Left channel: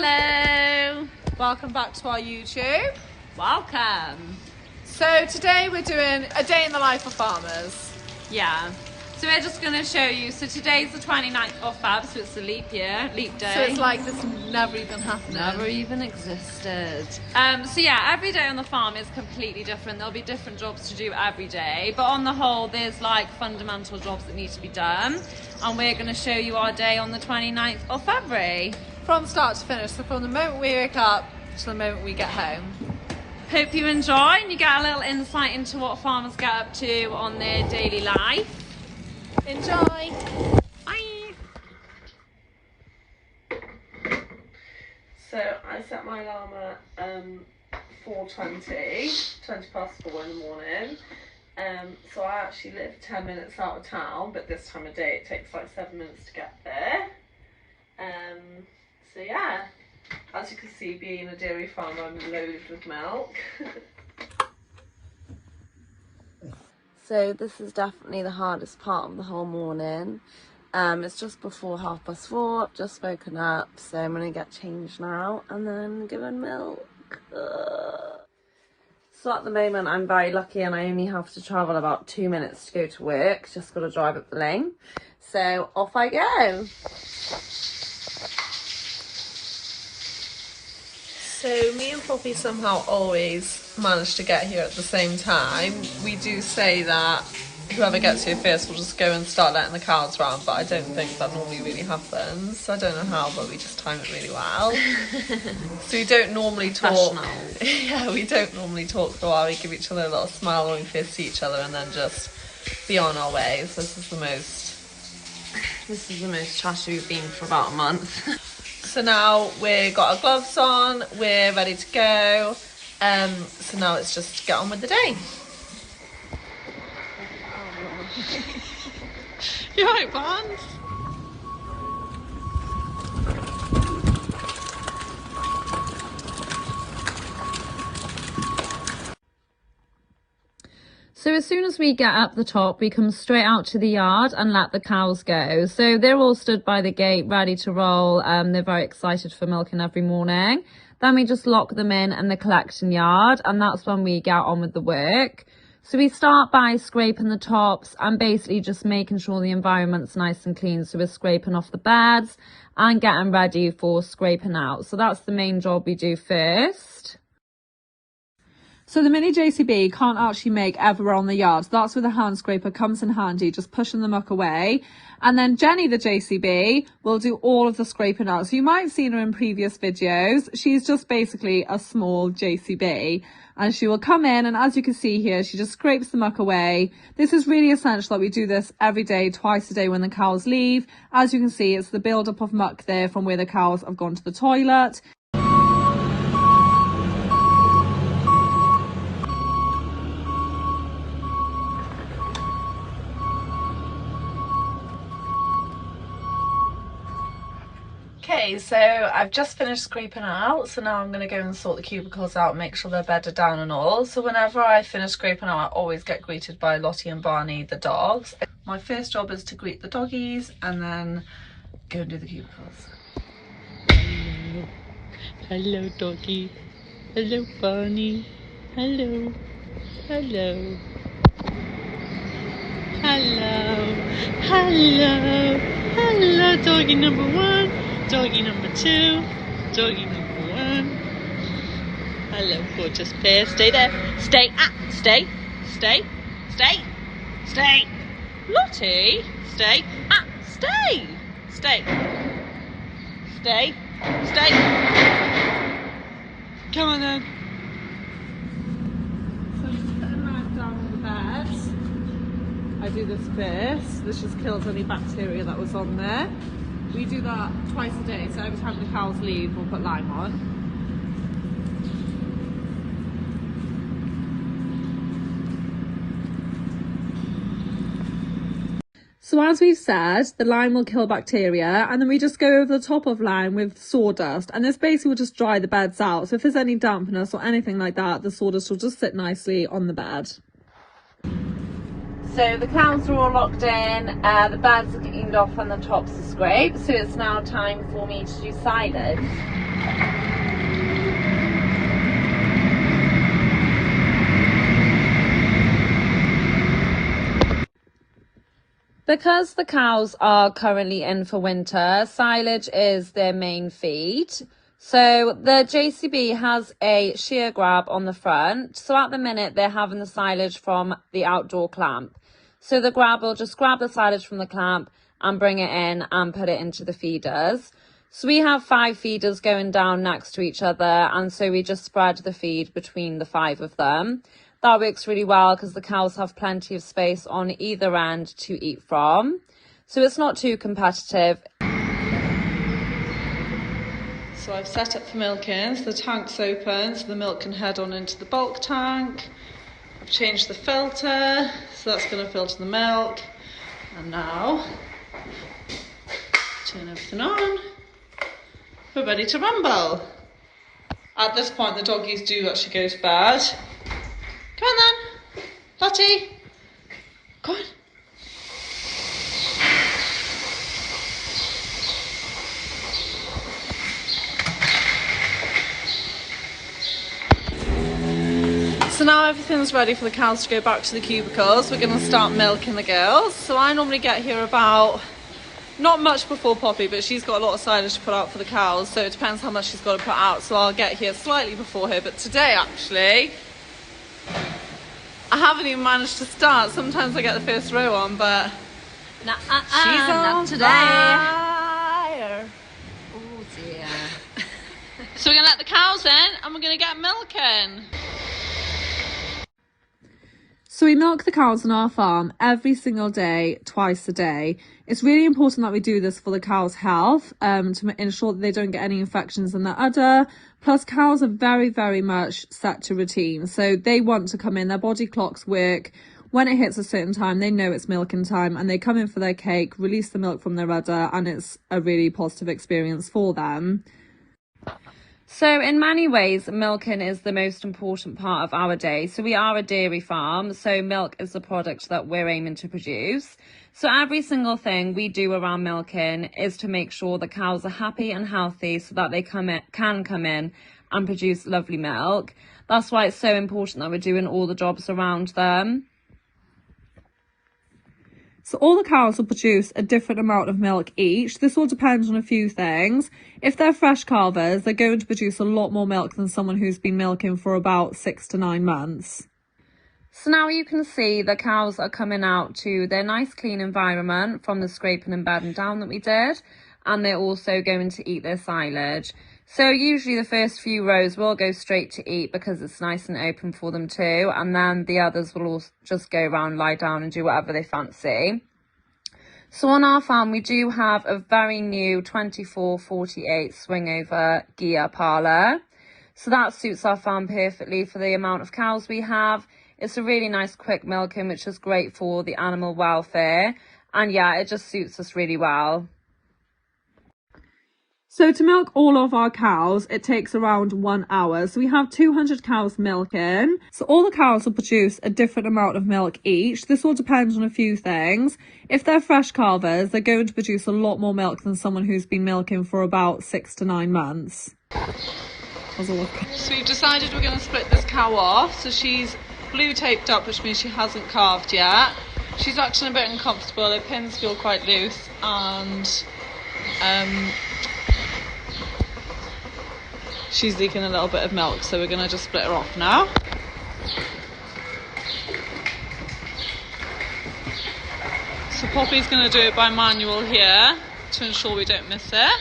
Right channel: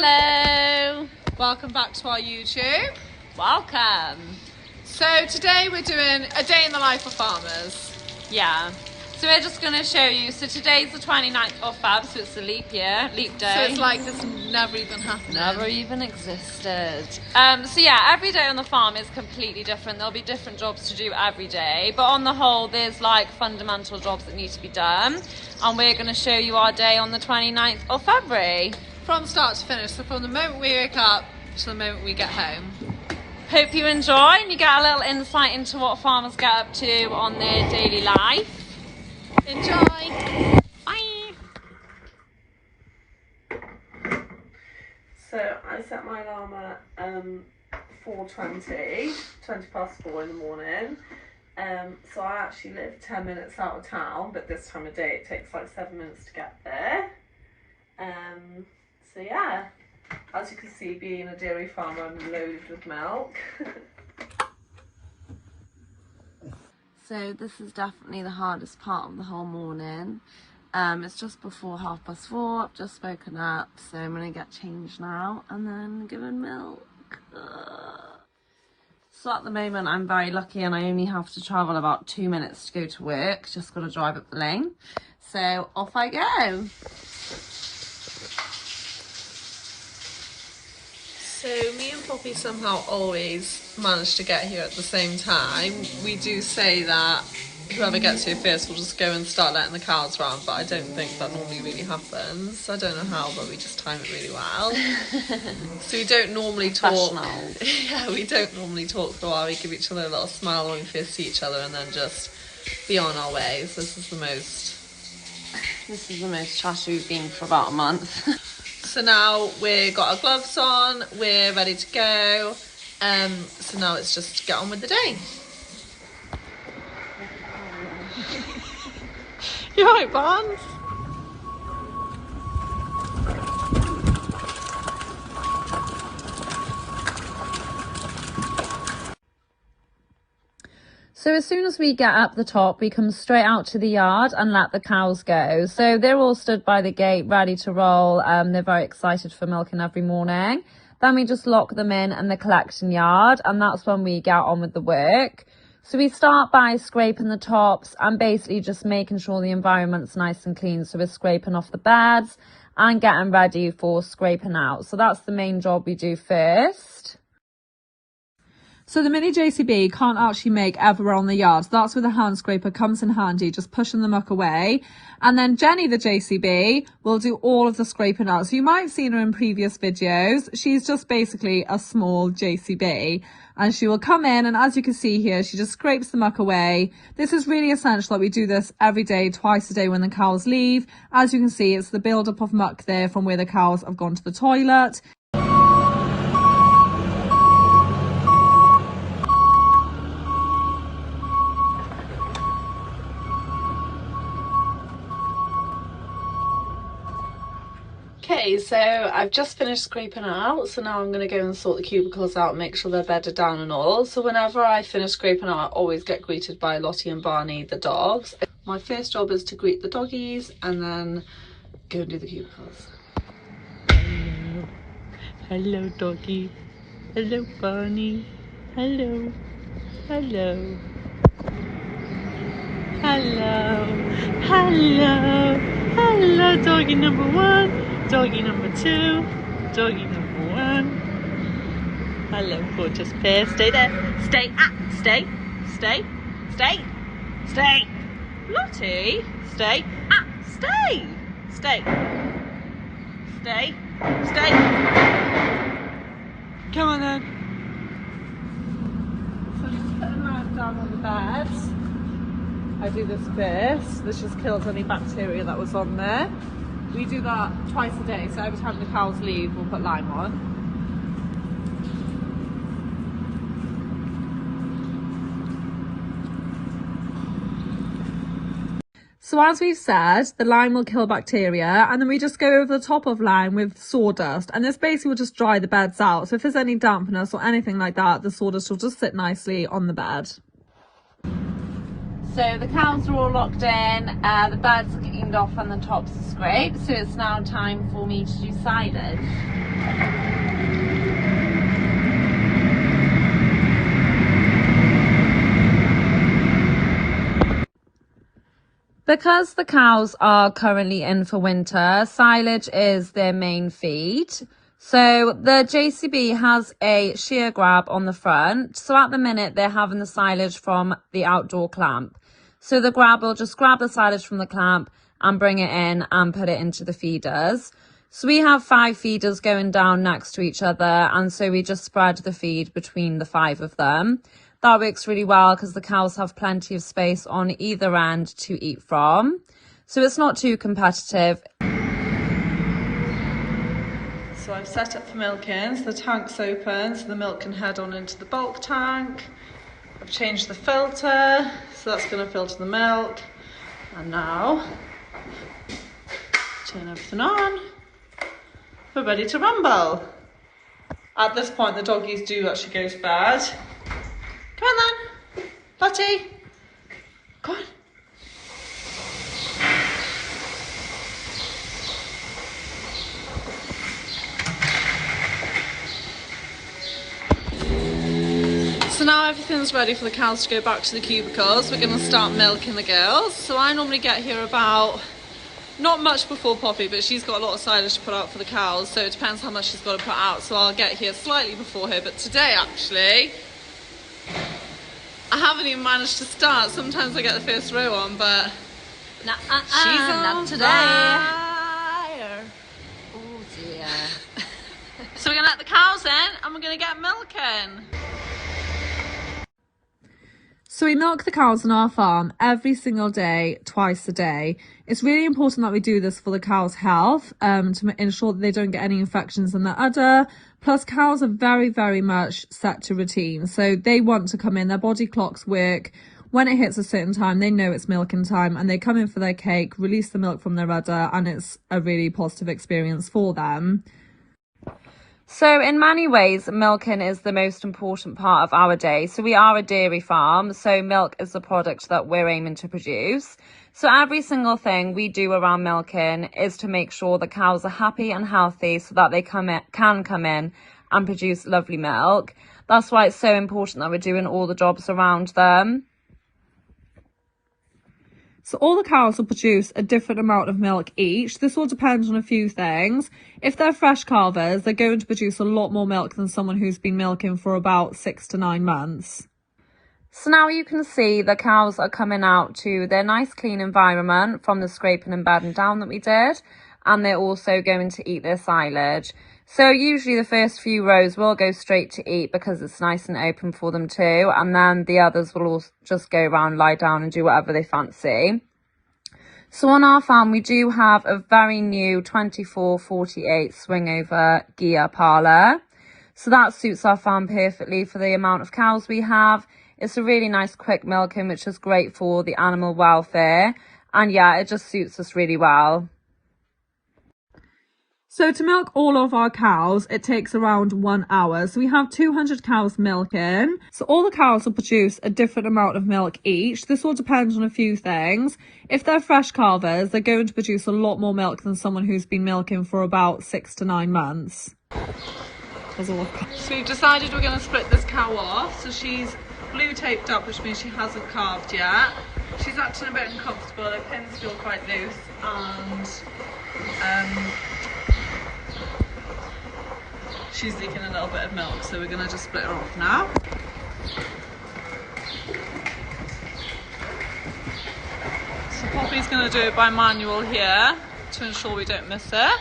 Hello! Welcome back to our YouTube. Welcome! So today we're doing a day in the life of farmers. Yeah. So we're just going to show you, so today's the 29th of Feb, so it's a leap year, leap day. So it's like this never even happened. Never even existed. So yeah, every day on the farm is completely different. There'll be different jobs to do every day, but on the whole there's like fundamental jobs that need to be done, and we're going to show you our day on the 29th of February. From start to finish, so from the moment we wake up to the moment we get home. Hope you enjoy and you get a little insight into what farmers get up to on their daily life. Enjoy! Bye! So I set my alarm at 4:20, 20 past 4 in the morning. So I actually live 10 minutes out of town, but this time of day it takes like 7 minutes to get there. So yeah, as you can see, being a dairy farmer, I'm loaded with milk. So this is definitely the hardest part of the whole morning. It's just before 4:30, I've just woken up, so I'm going to get changed now and then given milk. So at the moment I'm very lucky and I only have to travel about 2 minutes to go to work, just got to drive up the lane. So off I go. So me and Poppy somehow always manage to get here at the same time. We do say that whoever gets here first will just go and start letting the cows round, but I don't think that normally really happens. I don't know how, but we just time it really well. So we don't normally talk. Yeah, we don't normally talk for a while. We give each other a little smile when we first see each other and then just be on our way. So this is the most chatty we've been for about a month. So now we've got our gloves on, we're ready to go. So now it's just get on with the day. You alright, Barnes? So as soon as we get up the top, we come straight out to the yard and let the cows go. So they're all stood by the gate, ready to roll. They're very excited for milking every morning. Then we just lock them in the collection yard, and that's when we get on with the work. So we start by scraping the tops and basically just making sure the environment's nice and clean. So we're scraping off the beds and getting ready for scraping out. So that's the main job we do first. So the mini JCB can't actually make everywhere on the yard. So that's where the hand scraper comes in handy, just pushing the muck away. And then Jenny, the JCB, will do all of the scraping out. So you might have seen her in previous videos. She's just basically a small JCB. And she will come in, and as you can see here, she just scrapes the muck away. This is really essential that we do this every day, twice a day when the cows leave. As you can see, it's the build-up of muck there from where the cows have gone to the toilet. Okay, so I've just finished scraping out, so now I'm going to go and sort the cubicles out and make sure they're bedded down and all. So whenever I finish scraping out, I always get greeted by Lottie and Barney, the dogs. My first job is to greet the doggies and then go and do the cubicles. Hello. Hello, doggy. Hello, Barney. Hello. Hello. Hello. Hello. Hello, doggy number 1. Doggy number 2, doggy number 1. Hello, gorgeous pair. Stay there. Stay. Stay. Stay. Stay. Stay. Lottie. Stay. Stay. Stay. Stay. Stay. Come on then. So I'm just putting that down on the bed. I do this first. This just kills any bacteria that was on there. We do that twice a day, so every time the cows leave, we'll put lime on. So as we've said, the lime will kill bacteria, and then we just go over the top of lime with sawdust, and this basically will just dry the beds out. So if there's any dampness or anything like that, the sawdust will just sit nicely on the bed. So the cows are all locked in, the bags are cleaned off and the tops are scraped, so it's now time for me to do silage. Because the cows are currently in for winter, silage is their main feed. So the JCB has a shear grab on the front. So at the minute they're having the silage from the outdoor clamp. So the grab will just grab the silage from the clamp and bring it in and put it into the feeders. So we have 5 feeders going down next to each other, and so we just spread the feed between the 5 of them. That works really well because the cows have plenty of space on either end to eat from. So it's not too competitive. So I've set up for milking, so the tank's open, so the milk can head on into the bulk tank. I've changed the filter, so that's going to filter the milk. And now, turn everything on. We're ready to rumble. At this point, the doggies do actually go to bed. Come on then, Lottie. Go on. So now everything's ready for the cows to go back to the cubicles. We're going to start milking the girls. So I normally get here about, not much before Poppy, but she's got a lot of silage to put out for the cows, so it depends how much she's got to put out. So I'll get here slightly before her, but today actually, I haven't even managed to start. Sometimes I get the first row on, but She's not today. Fire. Oh dear. So we're going to let the cows in and we're going to get milking. So we milk the cows on our farm every single day, twice a day. It's really important that we do this for the cows' health, to ensure that they don't get any infections in the udder. Plus, cows are very, very much set to routine. So they want to come in, their body clocks work. When it hits a certain time, they know it's milking time and they come in for their cake, release the milk from their udder, and it's a really positive experience for them. So in many ways, milking is the most important part of our day. So we are a dairy farm, so milk is the product that we're aiming to produce. So every single thing we do around milking is to make sure the cows are happy and healthy so that they can come in and produce lovely milk. That's why it's so important that we're doing all the jobs around them. So all the cows will produce a different amount of milk each. This will depend on a few things. If they're fresh calvers, they're going to produce a lot more milk than someone who's been milking for about 6 to 9 months. So now you can see the cows are coming out to their nice clean environment from the scraping and bedding down that we did. And they're also going to eat their silage. So usually the first few rows will go straight to eat because it's nice and open for them too, and then the others will all just go around, lie down and do whatever they fancy. So on our farm we do have a very new 24/48 swing over gear parlor. So that suits our farm perfectly for the amount of cows we have. It's a really nice quick milking, which is great for the animal welfare, and yeah, it just suits us really well. So to milk all of our cows, it takes around 1 hour. So we have 200 cows milking. So all the cows will produce a different amount of milk each. This will depend on a few things. If they're fresh calvers, they're going to produce a lot more milk than someone who's been milking for about 6 to 9 months. So we've decided we're going to split this cow off. So she's blue taped up, which means she hasn't calved yet. She's actually a bit uncomfortable. Her pins feel quite loose, and she's leaking a little bit of milk, so we're going to just split her off now. So Poppy's going to do it by manual here to ensure we don't miss it.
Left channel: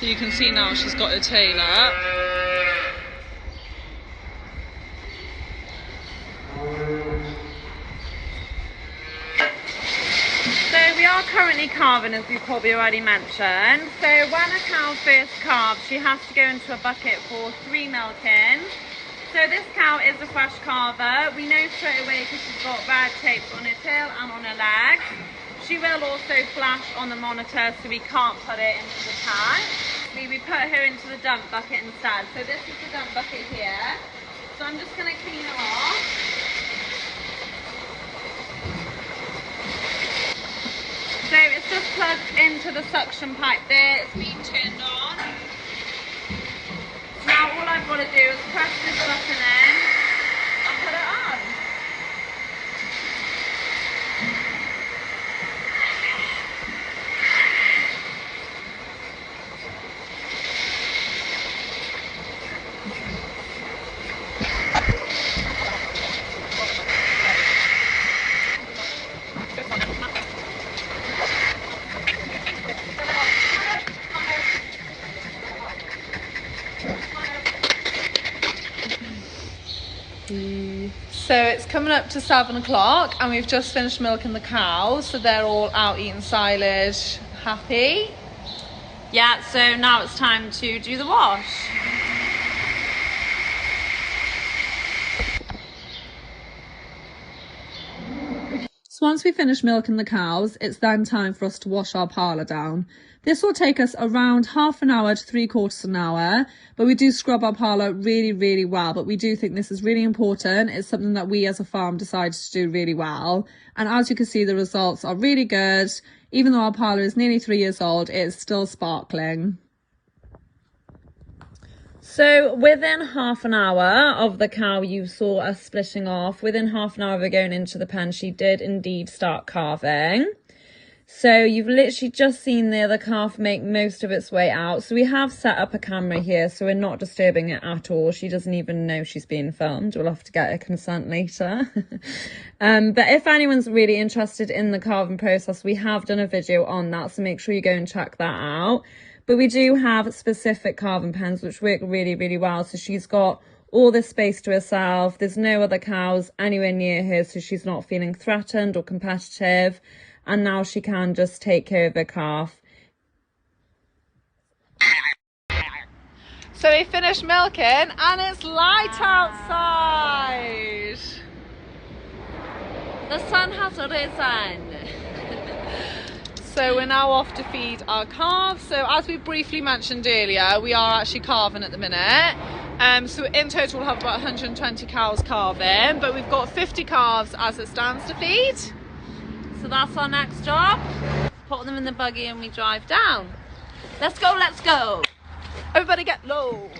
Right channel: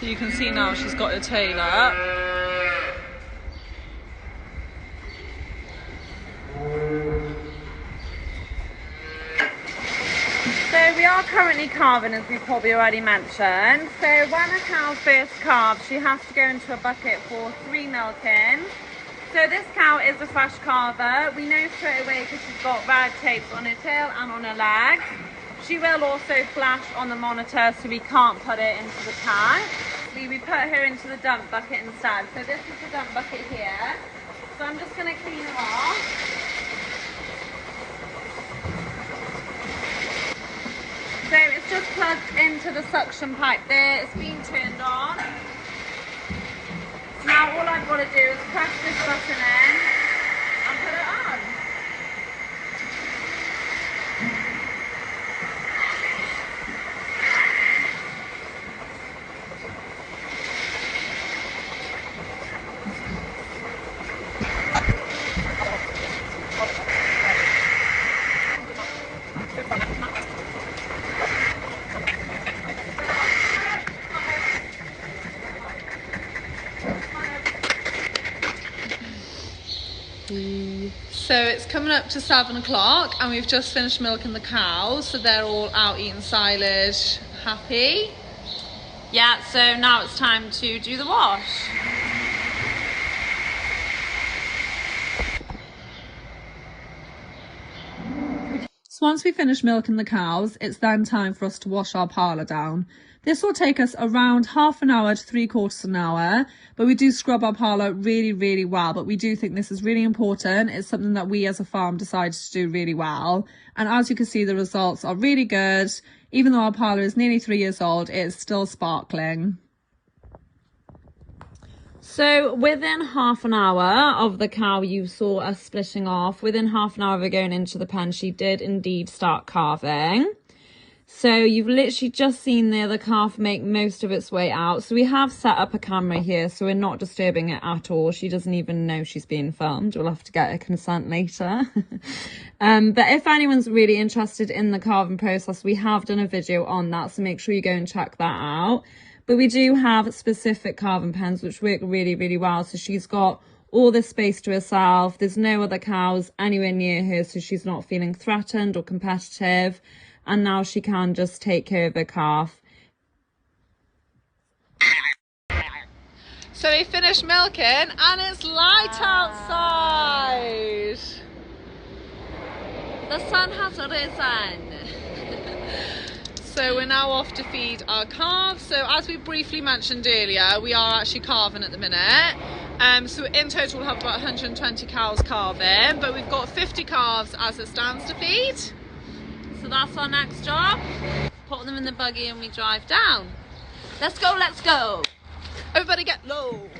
So you can see now she's got her tail up. So we are currently calving, as we probably already mentioned. So when a cow first calves, she has to go into a bucket for 3 milkings. So this cow is a fresh calver. We know straight away because she's got red tapes on her tail and on her legs. She will also flash on the monitor, so we can't put it into the tank. We put her into the dump bucket instead. So this is the dump bucket here. So I'm just going to clean her off. So it's just plugged into the suction pipe there, it's been turned on. Now all I've got to do is press this button in and put it on. So it's coming up to 7 o'clock and we've just finished milking the cows, so they're all out eating silage, happy. Yeah, so now it's time to do the wash. So once we finish milking the cows, it's then time for us to wash our parlour down. This will take us around half an hour to 3/4 an hour, but we do scrub our parlour really well. But we do think this is really important. It's something that we as a farm decided to do really well. And as you can see, the results are really good. Even though our parlour is nearly 3 years old, it's still sparkling. So within half an hour of the cow you saw us splitting off, within half an hour of her going into the pen, she did indeed start calving. So you've literally just seen the other calf make most of its way out. So we have set up a camera here, so we're not disturbing it at all. She doesn't even know she's being filmed. We'll have to get her consent later. But if anyone's really interested in the calving process, we have done a video on that, so make sure you go and check that out. But we do have specific calving pens which work really well. So she's got all this space to herself. There's no other cows anywhere near her, so she's not feeling threatened or competitive. And now she can just take care of her calf. So we finished milking and it's light outside. The sun has risen. So we're now off to feed our calves. So as we briefly mentioned earlier, we are actually calving at the minute. So in total we'll have about 120 cows calving, but we've got 50 calves as it stands to feed. So that's our next job. Put them in the buggy and we drive down. Let's go, let's go. Everybody get low.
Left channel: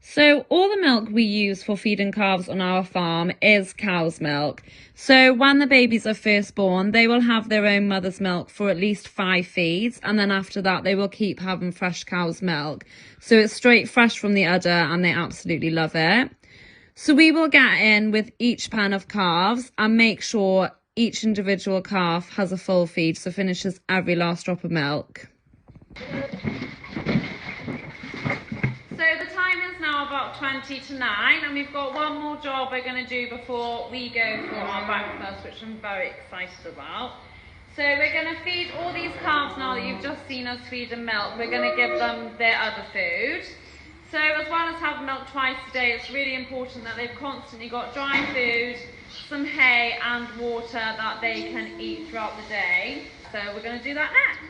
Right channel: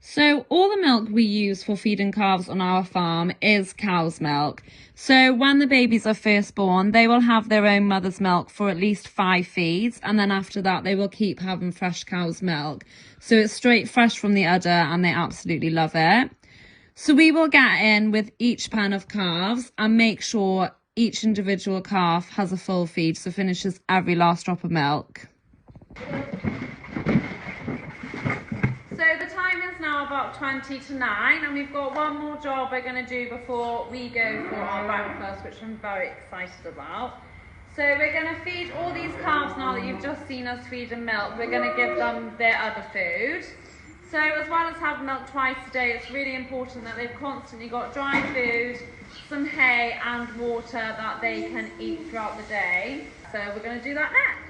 So all the milk we use for feeding calves on our farm is cow's milk. So when the babies are first born, they will have their own mother's milk for at least 5 feeds. And then after that, they will keep having fresh cow's milk. So it's straight fresh from the udder and they absolutely love it. So we will get in with each pen of calves and make sure each individual calf has a full feed, so finishes every last drop of milk. So the time is now about 20 to 9 and we've got one more job we're going to do before we go for our breakfast, which I'm very excited about. So we're going to feed all these calves now that you've just seen us feed them milk. We're going to give them their other food. So as well as having milk twice a day, it's really important that they've constantly got dry food, some hay and water that they can eat throughout the day. So we're going to do that next.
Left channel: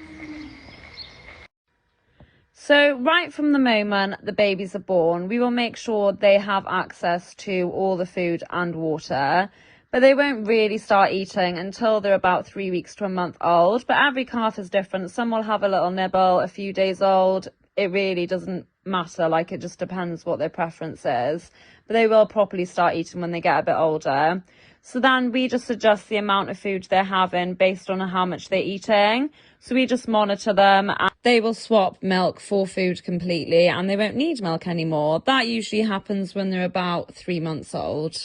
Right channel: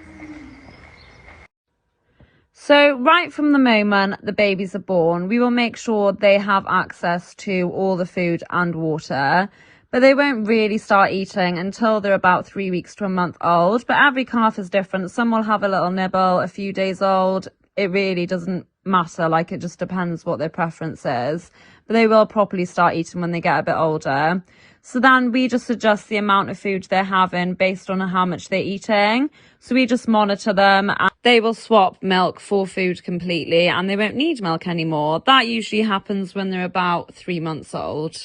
So right from the moment the babies are born, we will make sure they have access to all the food and water, but they won't really start eating until they're about 3 weeks to a month old. But every calf is different. Some will have a little nibble a few days old. It really doesn't matter, like it just depends what their preference is, but they will properly start eating when they get a bit older. So then we just adjust the amount of food they're having based on how much they're eating. So we just monitor them. they will swap milk for food completely and they won't need milk anymore. That usually happens when they're about 3 months old.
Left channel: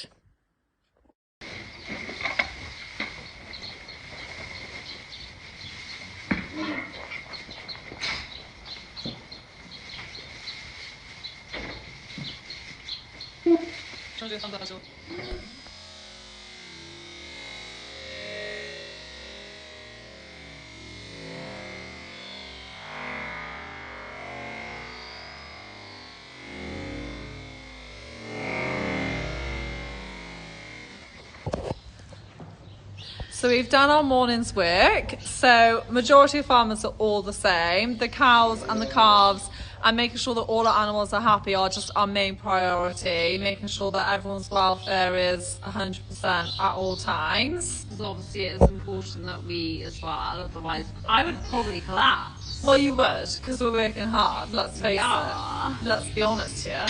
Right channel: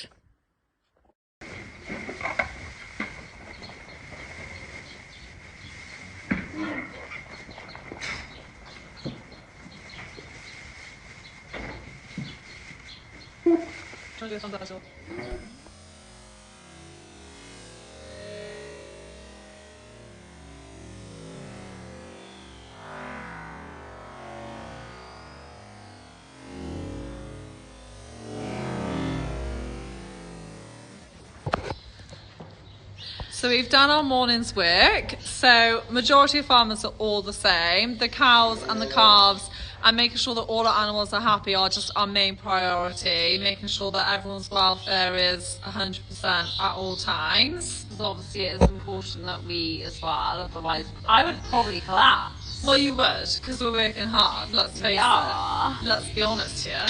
So we've done our morning's work. So majority of farmers are all the same. The cows and the calves and making sure that all our animals are happy are just our main priority. Making sure that everyone's welfare is 100% at all times. Obviously it is important that we eat as well, otherwise I would probably collapse. Well, you would, because we're working hard, let's face it. Let's be honest here.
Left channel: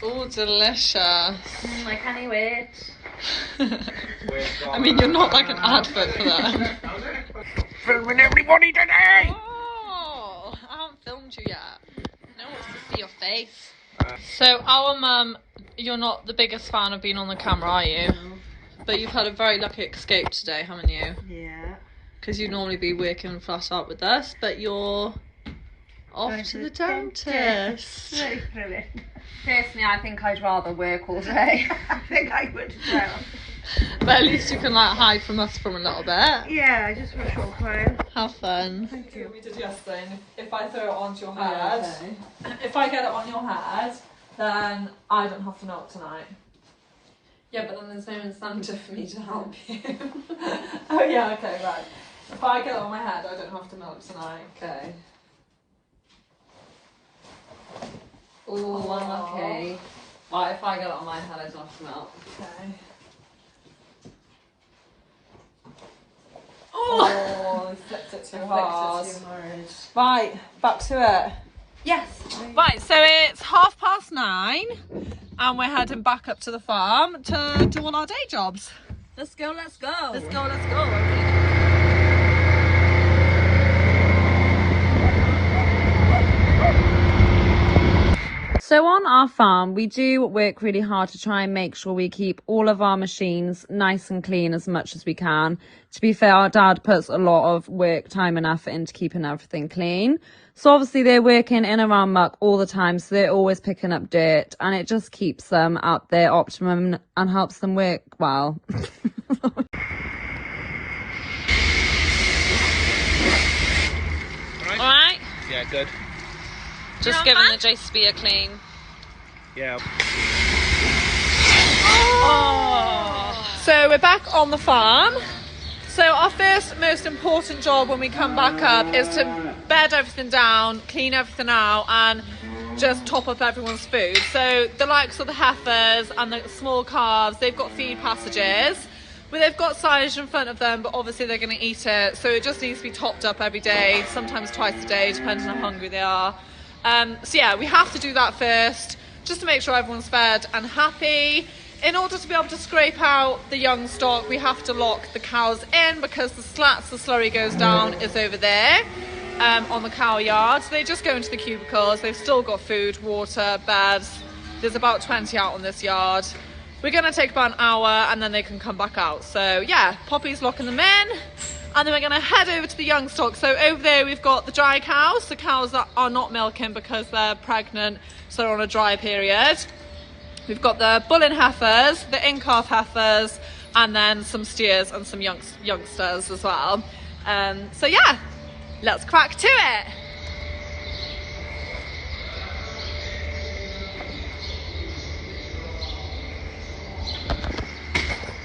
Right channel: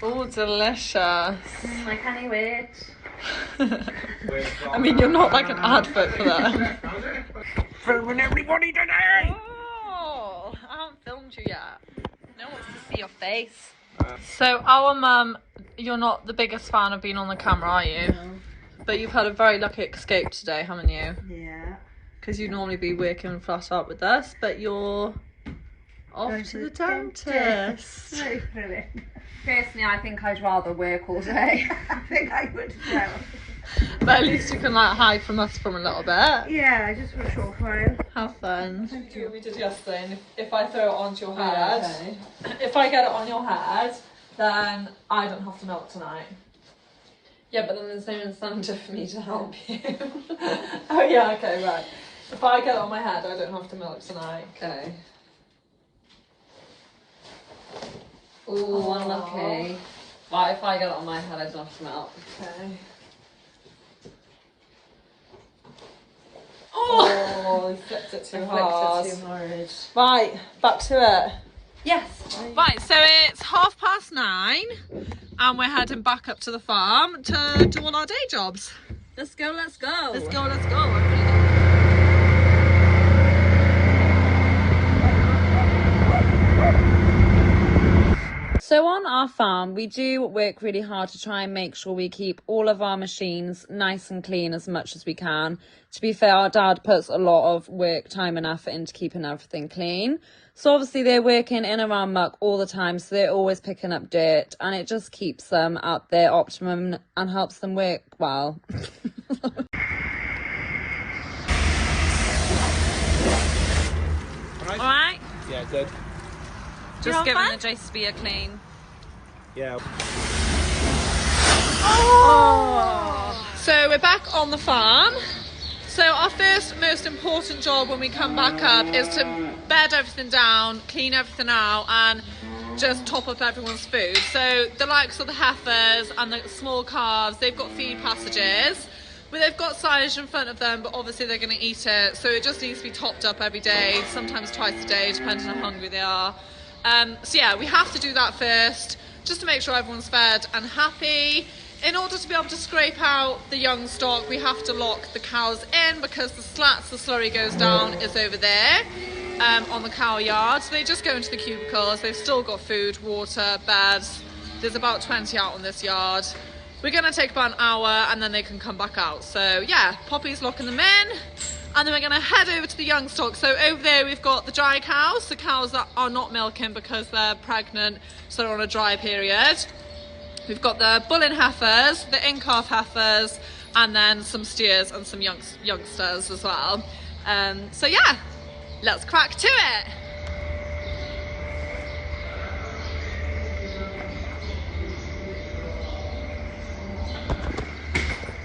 Oh, delicious. I can't wait. I mean, you're not like an advert for that. Filming everybody today! Oh, I haven't filmed you yet. No one wants to see your face. So our mum, you're not the biggest fan of being on the camera, are you? No. But you've had a very lucky escape today, haven't you? Yeah. Because you'd normally be working flat out with us, but you're off Going to the dentist. dentist. Very thrilling. Personally, I think I'd rather work all day. I think I would as well. But at least you can like hide from us for a little bit. Yeah, just for a short while. Have fun. Thank you. We did yesterday, and if I throw it onto your head, if I get it on your head, then I don't have to milk tonight. Yeah, but then there's no incentive for me to help you. Oh yeah, okay, right. If I get it on my head, I don't have to milk tonight. Okay. Ooh, unlucky. Right, if I get it on my head, I don't have to milk. Okay. Oh, you flipped it too I hard. flicked it too hard. Right, back to it. yes. Right, so it's 9:30 and we're heading back up to the farm to do all our day jobs. Let's go, let's go. Let's go, let's go. So on our farm, we do work really hard to try and make sure we keep all of our machines nice and clean as much as we can. To be fair, our dad puts a lot of work, time and effort into keeping everything clean. So obviously they're working in and around muck all the time, so they're always picking up dirt, and it just keeps them at their optimum and helps them work well. All right, Yeah, good. just giving the JCB a clean. Yeah. Oh. So we're back on the farm. So our first most important job when we come back up is to bed everything down, clean everything out, and just top up everyone's food. So the likes of the heifers and the small calves, they've got feed passages, but they've got silage in front of them, but obviously they're going to eat it. So it just needs to be topped up every day, sometimes twice a day, depending on how hungry they are. So yeah, we have to do that first, just to make sure everyone's fed and happy. In order to be able to scrape out the young stock, we have to lock the cows in because the slats the slurry goes down is over there on the cow yard. So they just go into the cubicles. They've still got food, water, beds. There's about 20 out on this yard. We're going to take about an hour and then they can come back out. So yeah, Poppy's locking them in. And then we're going to head over to the young stock. So over there we've got the dry cows, the cows that are not milking because they're pregnant, so they're on a dry period. We've got the bulling heifers, the in-calf heifers, and then some steers and some youngsters as well. So yeah, let's crack to it.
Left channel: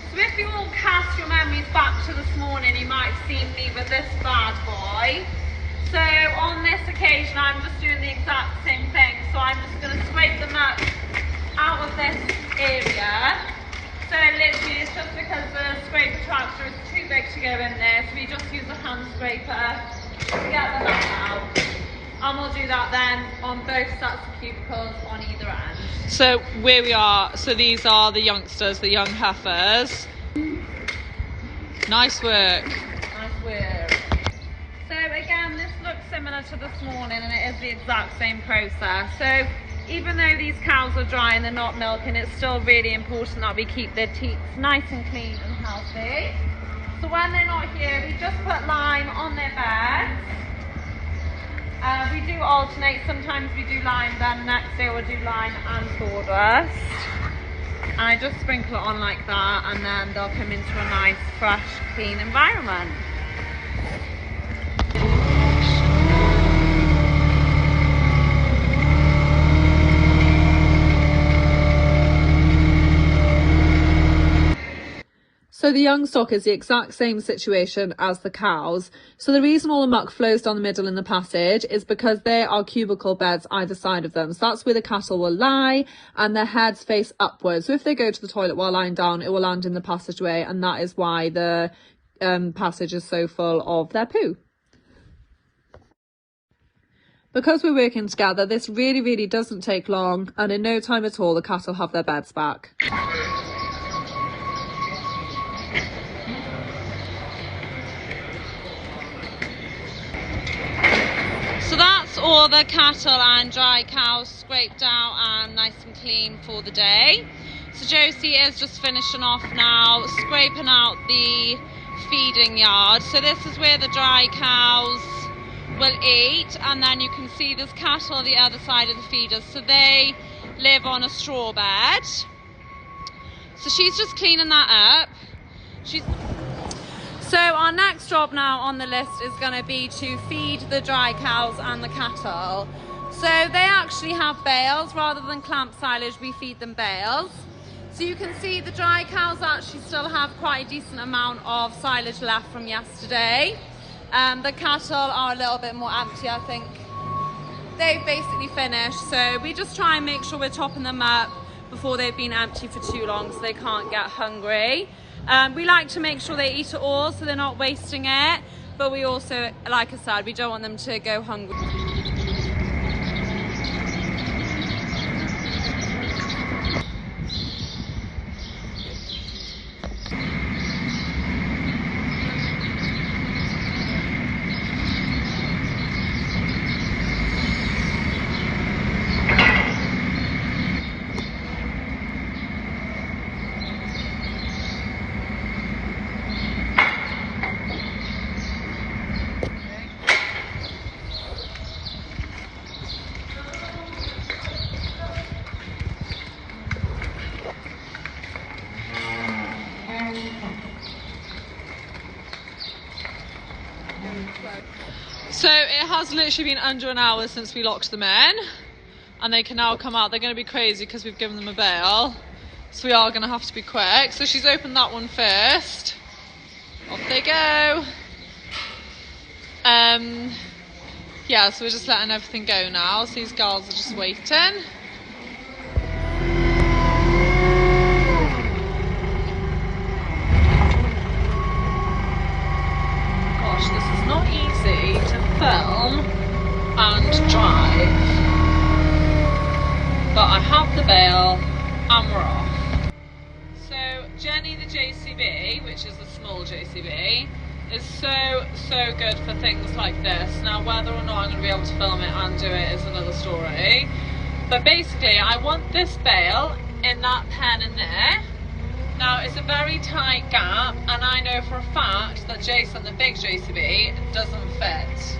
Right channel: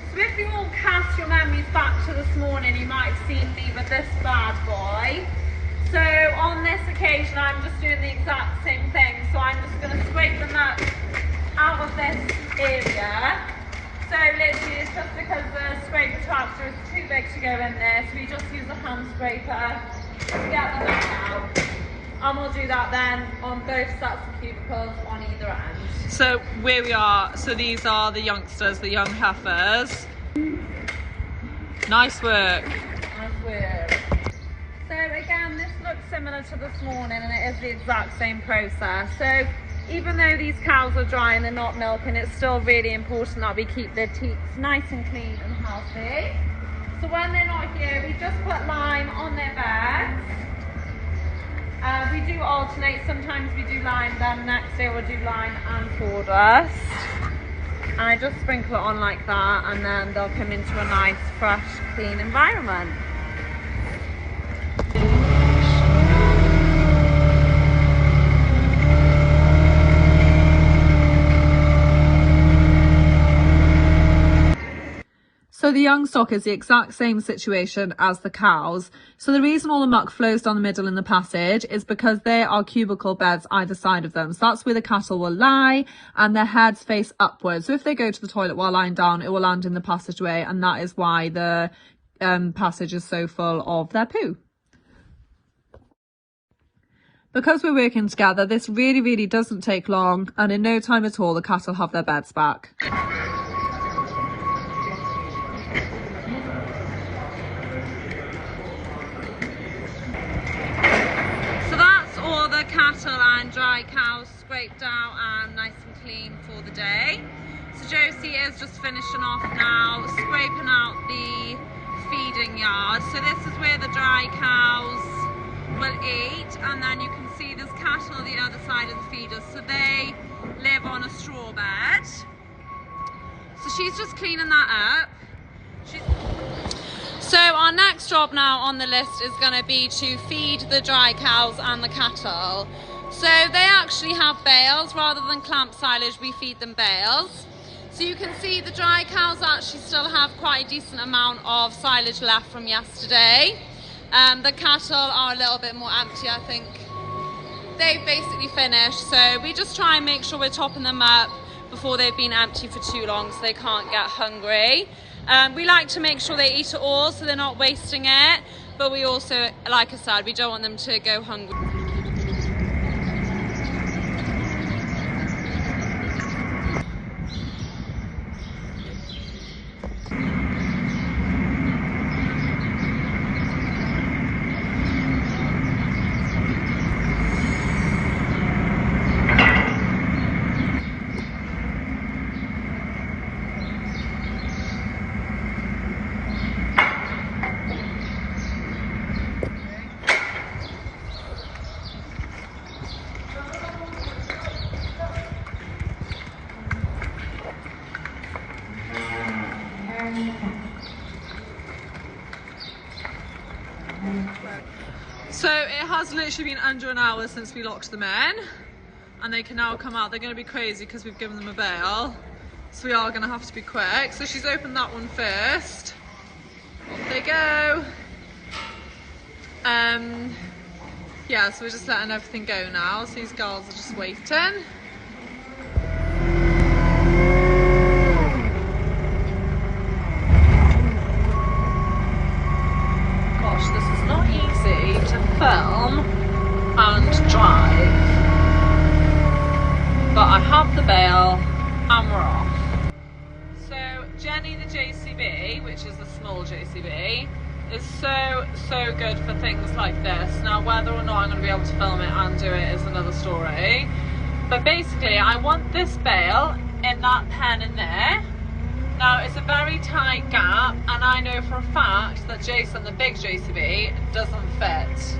So if you all cast your memories back to this morning, you might have seen me with this bad boy. So on this occasion, I'm just doing the exact same thing. So I'm just going to scrape the muck out of this area. So literally it's just because the scraper tractor is too big to go in there, so we just use a hand scraper to get the muck out. And we'll do that then on both sets of cubicles on either end. So where we are, so these are the youngsters, the young heifers. Nice work. Nice work. So similar to this morning, and it is the exact same process. So even though these cows are dry and they're not milking, it's still really important that we keep their teats nice and clean and healthy. So when they're not here, we just put lime on their beds. We do alternate. Sometimes we do lime, then next day we'll do lime and sawdust. And I just sprinkle it on like that, and then they'll come into a nice, fresh, clean environment. So the young stock is the exact same situation as the cows. So the reason all the muck flows down the middle in the passage is because there are cubicle beds either side of them. So that's where the cattle will lie, and their heads face upwards. So if they go to the toilet while lying down, it will land in the passageway, and that is why the passage is so full of their poo. Because we're working together, this really doesn't take long, and in no time at all the cattle have their beds back. So that's all the cattle and dry cows scraped out and nice and clean for the day. So Josie is just finishing off now, scraping out the feeding yard. So this is where the dry cows will eat, and then you can see there's cattle on the other side of the feeders. So they live on a straw bed. So she's just cleaning that up. So our next job now on the list is going to be to feed the dry cows and the cattle. So they actually have bales rather than clamp silage. We feed them bales. So you can see the dry cows actually still have quite a decent amount of silage left from yesterday. The cattle are a little bit more empty, I think. They've basically finished, so we just try and make sure we're topping them up before they've been empty for too long so they can't get hungry. We like to make sure they eat it all so they're not wasting it, but we also, like I said, we don't want them to go hungry. So it has literally been under an hour since we locked them in, and they can now come out. They're going to be crazy because we've given them a bail, so we are going to have to be quick. So she's opened that one first. Off they go. Yeah, so we're just letting everything go now. So these girls are just waiting. Not easy to film and drive, but I have the bail and we're off. So Jenny the JCB, which is a small JCB, is so good for things like this. Now whether or not I'm going to be able to film it and do it is another story, but basically I want this bail in that pen in there. Now it's a very tight gap, and I know for a fact that Jason, the big JCB, doesn't fit.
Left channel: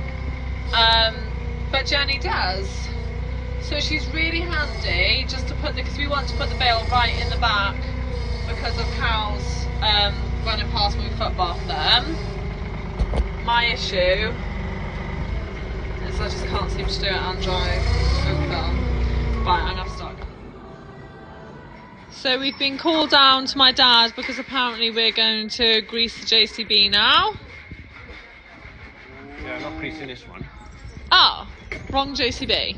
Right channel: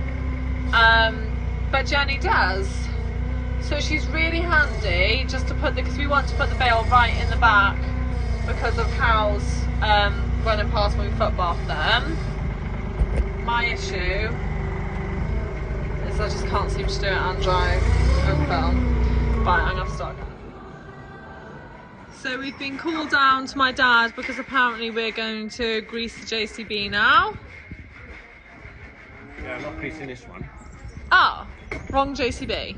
But Jenny does. So she's really handy just to put because we want to put the bail right in the back because of cows running past when we foot bath them. My issue is I just can't seem to do it and drive and film. Right, I'm gonna have to start again. So we've been called down to my dad because apparently we're going to grease the JCB now. Yeah, I'm not greasing this one. Oh, wrong JCB.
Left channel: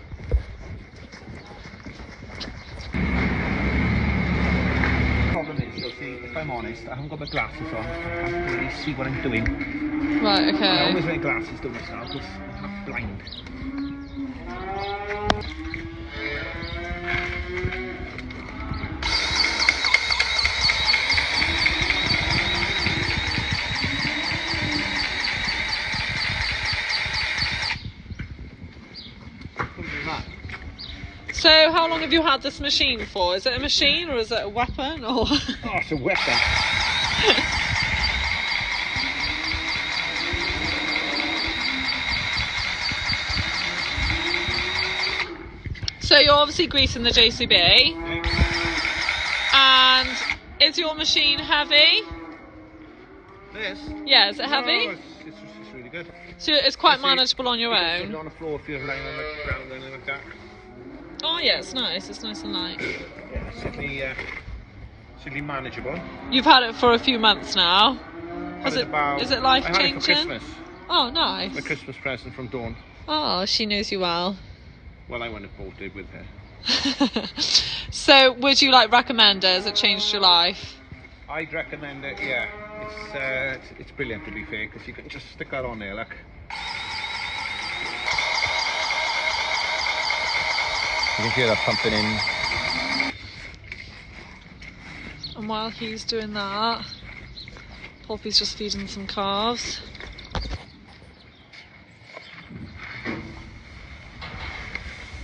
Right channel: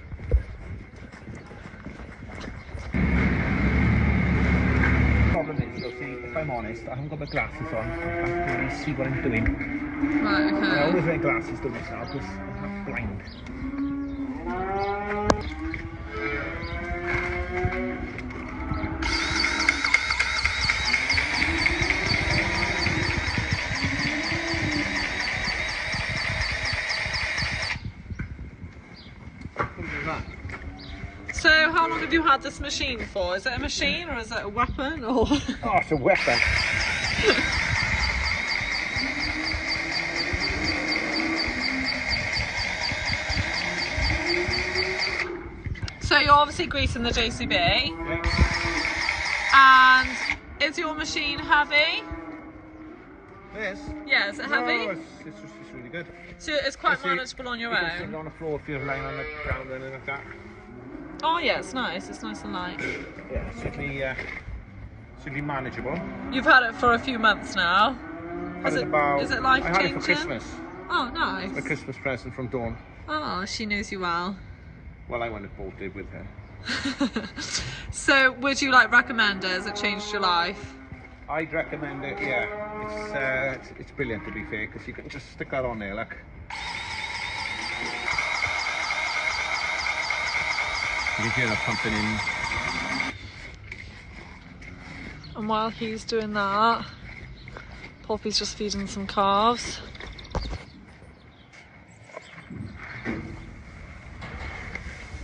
Problem is, though, see, if I'm honest, I haven't got my glasses on. I can't really see what I'm doing. Right, okay. I always wear glasses to myself because I'm half blind. have you had this machine for? Is it a machine or is it a weapon? Or Oh, it's a weapon. So you're obviously greasing the JCB. Yeah. And is your machine heavy? This? Yeah, is it heavy? No, it's really good. So it's quite See, manageable on your you can sit own? on the floor if you're lying on the ground or anything like that. Oh yeah, it's nice. It's nice and light. Yeah, certainly manageable. You've had it for a few months now. Is it life I had it changing? for Christmas. Oh, nice. A Christmas present from Dawn. Oh, she knows you well. Well, I went and bought it with her. So, would you like recommend it? Has it changed your life? I'd recommend it. Yeah, it's brilliant to be fair, because you can just stick that on there, look. You can hear that pumping in. And while he's doing that, Poppy's just feeding some calves.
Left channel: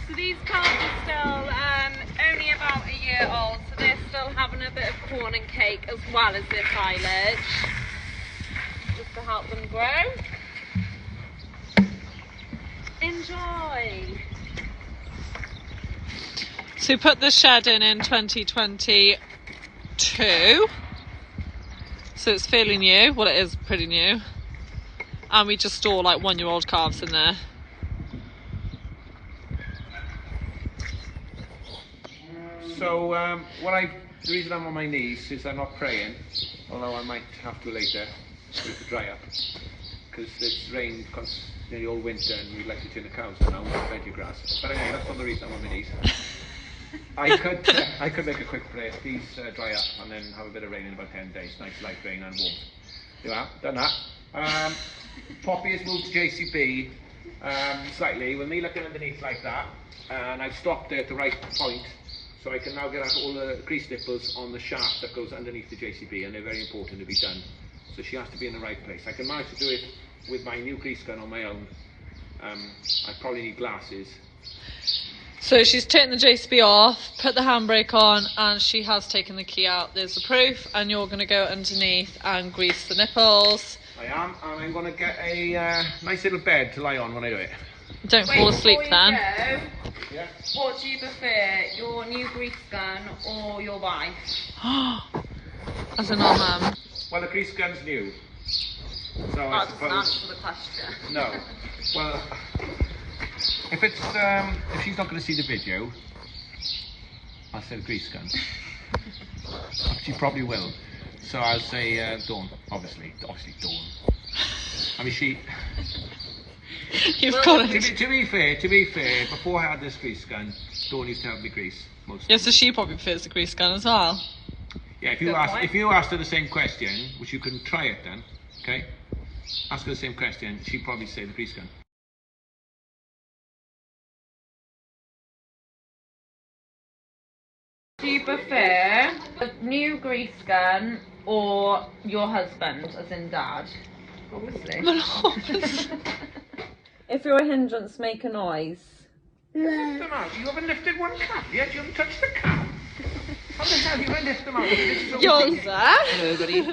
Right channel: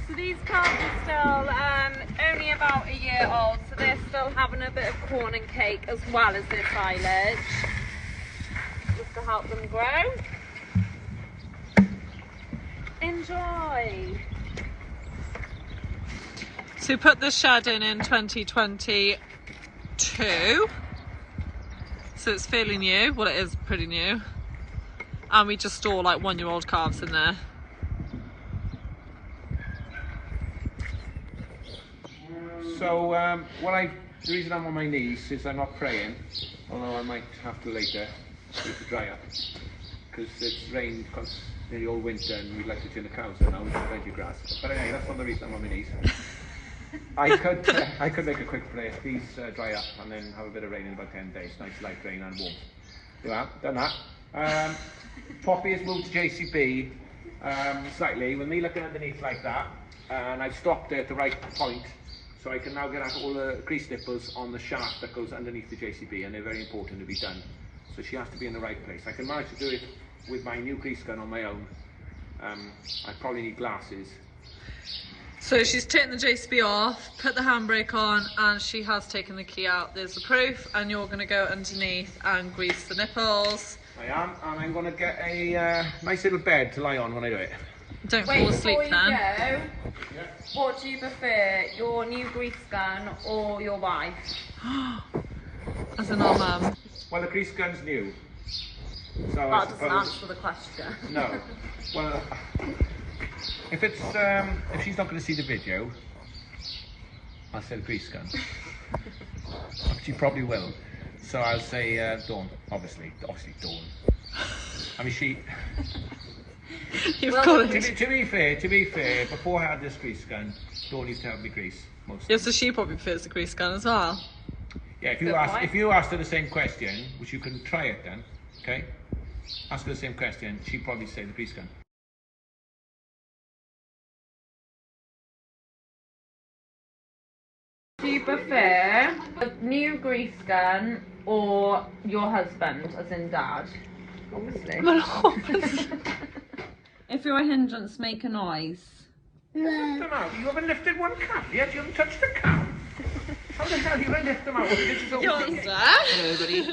So these calves are still only about a year old, so they're still having a bit of corn and cake as well as their silage, just to help them grow. Enjoy! So we put the shed in 2022. So it's fairly new. Well, it is pretty new. And we just store like 1-year-old calves in there. So, the reason I'm on my knees is I'm not praying, although I might have to later, for it to dry up. Because it's rained nearly all winter and we'd like to turn the cows and now we've got plenty of grass. But anyway, that's not the reason I'm on my knees. I could make a quick prayer. Please dry up and then have a bit of rain in about 10 days. Nice light rain and warm. Yeah, done that. Poppy has moved to JCB slightly. With me looking underneath like that, and I've stopped it at the right point, so I can now get out all the grease nipples on the shaft that goes underneath the JCB, and they're very important to be done. So she has to be in the right place. I can manage to do it with my new grease gun on my own. I probably need glasses. So she's taken the JCB off, put the handbrake on, and she has taken the key out. There's the proof, and you're going to go underneath and grease the nipples. I am, and I'm going to get a nice little bed to lie on when I do it. Don't fall asleep then. Yeah. What do you prefer, your new grease gun or your wife? As in our mum. Well, the grease gun's new, so I suppose. Answer the question. No. Well, if she's not going to see the video, I'll say the grease gun. She probably will. So I'll say Dawn, obviously Dawn. I mean, she. You've got it. To be fair, before I had this grease gun, Dawn used to help me grease most. Yeah, so she probably prefers the grease gun as well. Yeah, if you asked her the same question, which you can try it then, okay? Ask her the same question, she'd probably say the grease gun. Do you prefer a new grease gun or your husband, as in dad? Obviously. If you're a hindrance, make a noise. Lift them out. You haven't lifted one calf yet. You haven't touched the calf. How the hell are you going to lift them out? This is Yours, Hello, everybody.